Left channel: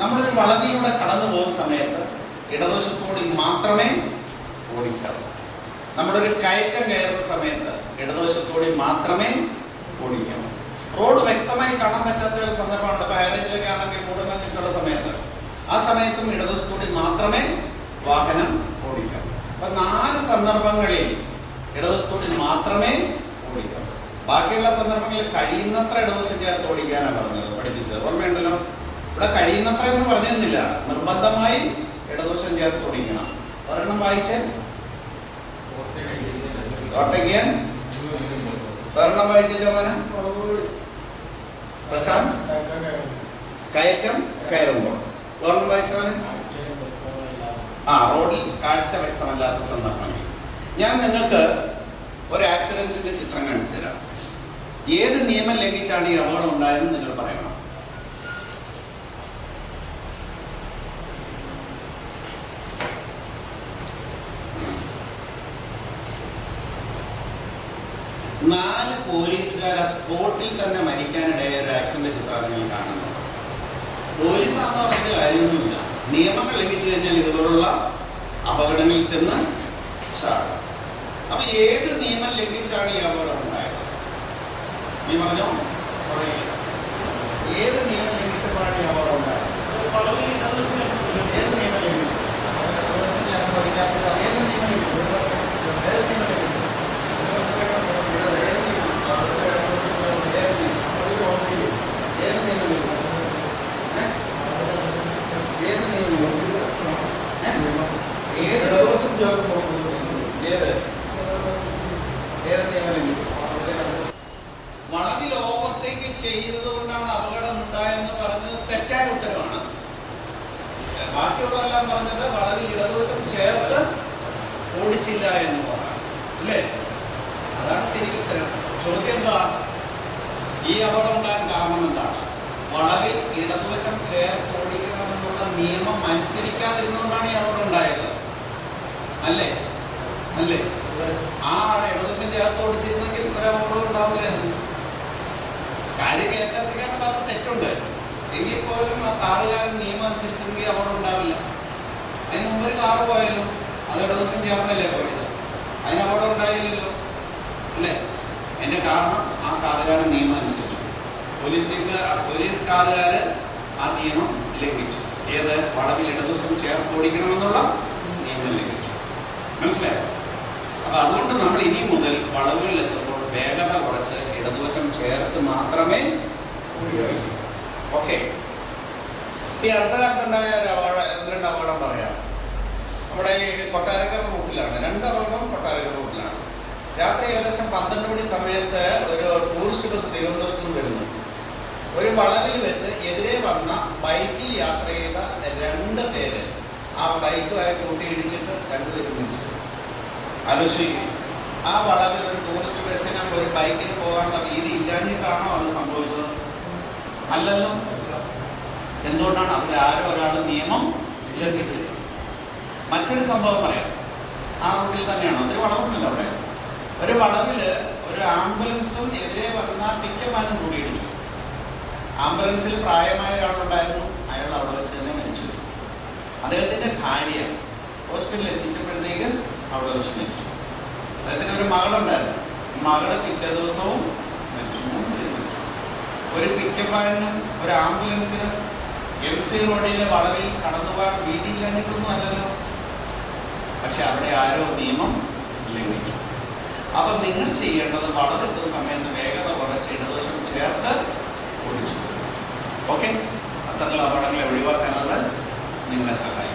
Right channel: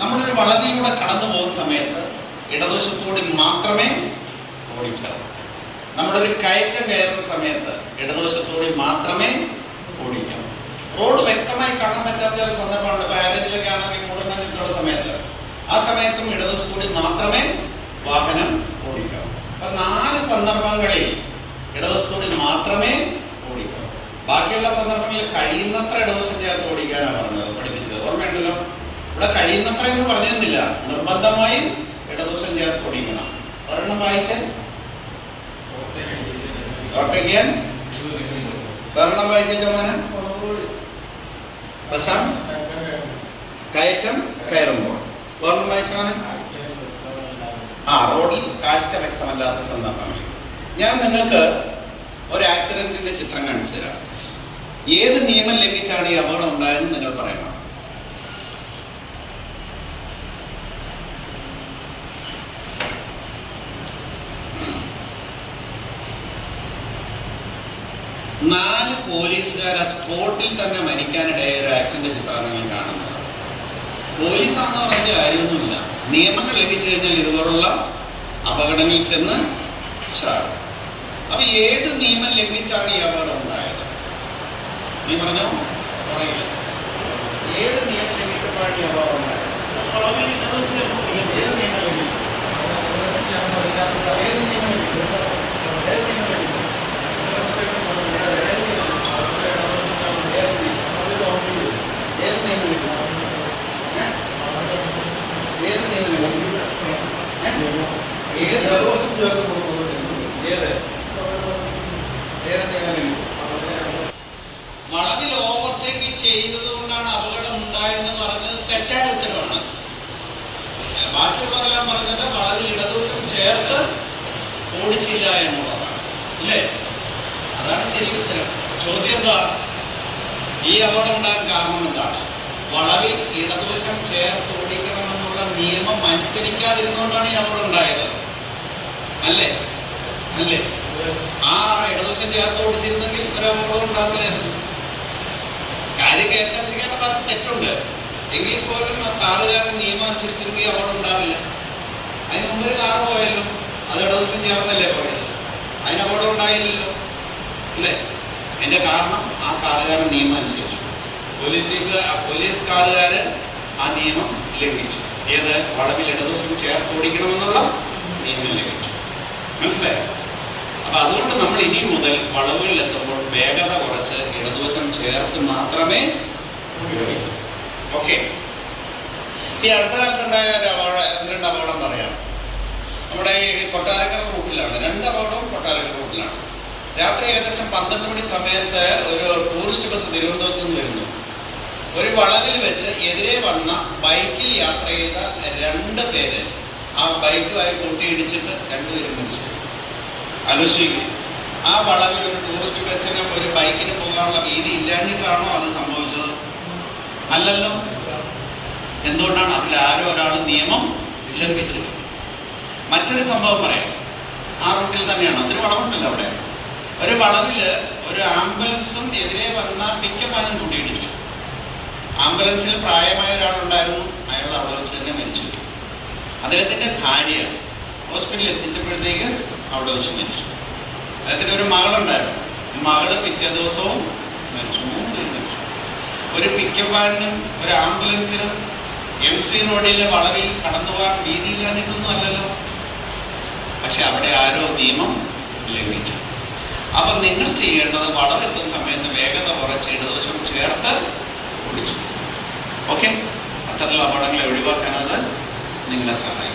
നമ്മളൊരു വളവിലൂടെ കടന്നു പോകുന്ന സമയത്ത് ഇടതുവശത്തോടെ മാത്രമേ ഓടിക്കാവൂ. നമ്മളൊരു കയറ്റം കയറുന്ന സമയത്ത് ഇടതുവശത്തോടെ മാത്രമേ ഓടിക്കാവൂ. റോഡ് വ്യക്തമായി കാണാൻ പറ്റാത്ത ഒരു സന്ദർഭമുണ്ട്. ഇപ്പോൾ ആരേജിലൊക്കെ ആണെങ്കിൽ മൂടൽമഞ്ഞൊക്കെയുള്ള സമയത്ത് ആ സമയത്തും ഇടതുവശത്തോടെ മാത്രമേ വാഹനം ഓടിക്കാവൂ. അപ്പം 4 സന്ദർഭങ്ങളിൽ ഇടതുവശത്തോടെ മാത്രമേ ഓടിക്കാവൂ. ബാക്കിയുള്ള സന്ദർഭങ്ങളിൽ കഴിയുന്നത്ര ഇടതുവശം ചേർത്ത് ഓടിക്കാനാണ് പറഞ്ഞത്, പഠിപ്പിച്ചത്. ഓർമ്മയുണ്ടല്ലോ, ഇവിടെ കഴിയുന്നത്ര എന്ന് പറഞ്ഞിരുന്നില്ല, നിർബന്ധമായും ഇടതുവശം ചേർത്ത് ഓടിക്കണം. ഒരെണ്ണം വായിച്ച് ഓട്ടയ്ക്കാൻ ഒരെണ്ണം വായിച്ച മോനെ പ്രശാന്ത്. കയറ്റം കയറുമ്പോൾ ഒരെണ്ണം വായിച്ച മോനെ റോഡിൽ കാഴ്ച വ്യക്തമല്ലാത്ത സന്ദർഭങ്ങൾ. ഞാൻ നിങ്ങൾക്ക് ഒരു ആക്സിഡന്റിന്റെ ചിത്രം കാണിച്ചു തരാം. ഏത് നിയമം ലംഘിച്ചാണ് ഈ അപകടം ഉണ്ടായതെന്ന് നിങ്ങൾ പറയണം. നാല് പോലീസുകാരെ സ്പോട്ടിൽ തന്നെ മരിക്കാനിടയായ ഒരു ആക്സിഡന്റ് ചിത്രം നിങ്ങൾ കാണുന്നത്. പോലീസാണെന്ന് പറഞ്ഞ കാര്യമൊന്നുമില്ല. നിയമങ്ങൾ ലംഘിച്ചു കഴിഞ്ഞാൽ ഇതുപോലുള്ള അപകടങ്ങളിൽ ചെന്ന് ചാടും. അപ്പൊ ഏത് നിയമം ലംഘിച്ചാണ് ഈ അപകടം ഉണ്ടായത്? നീ പറഞ്ഞോ, പറയില്ല. ഏത് നിയമം ലംഘിച്ചപ്പോഴാണ് ഈ അപകടം ഉണ്ടായത്? ഏത് നിയമം ലംഘിച്ചു? വളവിൽ ഓവർടേക്ക് ചെയ്തത് കൊണ്ടാണ് അപകടം ഉണ്ടായെന്ന് പറഞ്ഞത് തെറ്റായ ഉത്തരവാണ്. ബാക്കിയുള്ളവരെല്ലാം പറഞ്ഞത് വളവിൽ ഇടതുവശം ചേർത്ത് ഓടിച്ചില്ല എന്നുള്ളതാണ്, അല്ലേ? അതാണ് ശരി ഉത്തരം. ചോദ്യം എന്താ? ഈ അപകടം ഉണ്ടാകാൻ കാരണം എന്താണ്? വളവിൽ ഇടതുവശം ചേർത്ത് ഓടിക്കണമെന്നുള്ള നിയമം അനുസരിക്കാതിരുന്നുകൊണ്ടാണ് ഈ അപകടം ഉണ്ടായത്, അല്ലേ? അല്ലേ? ആ ഇടതുവശം ചേർത്ത് ഓടിച്ചിരുന്നെങ്കിൽ ഒരു അപകടം ഉണ്ടാവില്ലായിരുന്നു. കാര്യം KSRTCക്കാരുടെ ഭാഗത്ത് തെറ്റുണ്ട് എങ്കിൽ പോലും ആ കാറുകാരൻ നിയമം അനുസരിച്ചിരുന്നെങ്കിൽ അപകടം ഉണ്ടാവില്ല. അതിന് മുമ്പ് ഒരു കാറ് പോയല്ലോ, അത് ഇടതുവശം ചേർന്നല്ലേ പോയത്, അതിന് അപകടം ഉണ്ടായില്ലല്ലോ, അല്ലേ? അതിൻ്റെ കാരണം ആ കാറുകാരൻ നിയമം അനുസരിച്ചു. പോലീസ് കാറുകാര് ആ നിയമം ലംഘിച്ചു. ഏത്? വളവിൽ ഇടതുവശം ചേർത്ത് ഓടിക്കണമെന്നുള്ള നിയമം ലംഘിച്ചു. മനസ്സിലായോ? അപ്പൊ അതുകൊണ്ട് നമ്മൾ ഇനി മുതൽ വളവുകളിൽ എത്തുമ്പോൾ വേഗത കുറച്ച് ഇടതുവശം ചേർത്ത് മാത്രമേ ഉപയോഗിക്കൂ. ഓക്കെ. ഈ അടുത്ത കാലത്തുണ്ടായ രണ്ട് അപകടം പറയാം. നമ്മുടെ ഈ കൊട്ടാരക്കര റൂട്ടിലാണ്. 2 അപകടവും കൊട്ടാരക്കര റൂട്ടിലാണ്. രാത്രി ഏകദേശം 12 മണി സമയത്ത് ഒരു ടൂറിസ്റ്റ് ബസ് തിരുവനന്തപുരത്ത് നിന്ന് വരുന്നു. ഒരു വളവിൽ വെച്ച് എതിരെ വന്ന ബൈക്കിൽ യാത്ര ചെയ്ത 2 പേര് ആ ബൈക്കുമായി കൂട്ടിയിടിച്ചിട്ട് 2 പേരും മരിച്ചു. ആലോചിക്കുക. ആ വളവിൽ ഒരു ടൂറിസ്റ്റ് ബസ്സിനും ഒരു ബൈക്കിന് പോകാനുള്ള വീതി ഇല്ലാഞ്ഞിട്ടാണോ അത് സംഭവിച്ചത്? അല്ലല്ലോ. എന്തുകൊണ്ടാണ്? അതിൽ ആരോ ഒരാൾ നിയമം ലംഘിച്ചത്. മറ്റൊരു സംഭവം പറയാം. ആ റൂട്ടിൽ തന്നെയാണ്. ഒത്തിരി വളവുണ്ടല്ലോ അവിടെ. ഒരു വളവില് ഒരു ആംബുലൻസും എതിരെ വന്ന പിക്കപ്പ് വാനും കൂട്ടിയിടിച്ചു. ആംബുലൻസിൽ പ്രായമായ ഒരാളുണ്ടായിരുന്നു. അയാൾ അവിടെ വെച്ച് തന്നെ മരിച്ചു. അദ്ദേഹത്തിൻ്റെ ഭാര്യ ഹോസ്പിറ്റലിൽ എത്തിച്ചപ്പോഴത്തേക്ക് അവിടെ വെച്ച് മരിച്ചു. അദ്ദേഹത്തിന് ഒരു മകളുണ്ടായിരുന്നു. മകള് പിറ്റേ ദിവസവും മരിച്ചു. 3 പേര് മരിച്ചു. ഒരു പിക്കപ്പ് വാനിനും ഒരു ആംബുലൻസിനും MC റോഡിലെ വളവിൽ കടന്നു പോകാൻ വീതിയില്ലാഞ്ഞിട്ടൊന്നും അല്ലല്ലോ. പക്ഷെ അവിടെ ആരോ നിയമം ലംഘിച്ചു. അപ്പൊ നിങ്ങൾ ചെയ്യേണ്ടത് വളവെത്തുന്ന സമയത്ത് വേഗത കുറച്ച് ഇടതുവശം ചേർത്ത് ഓടിച്ചു. ഓക്കെ. അത്തരത്തിലുള്ള അപകടങ്ങളെ ഒഴിവാക്കാൻ അത് നിങ്ങളെ സഹായിക്കും.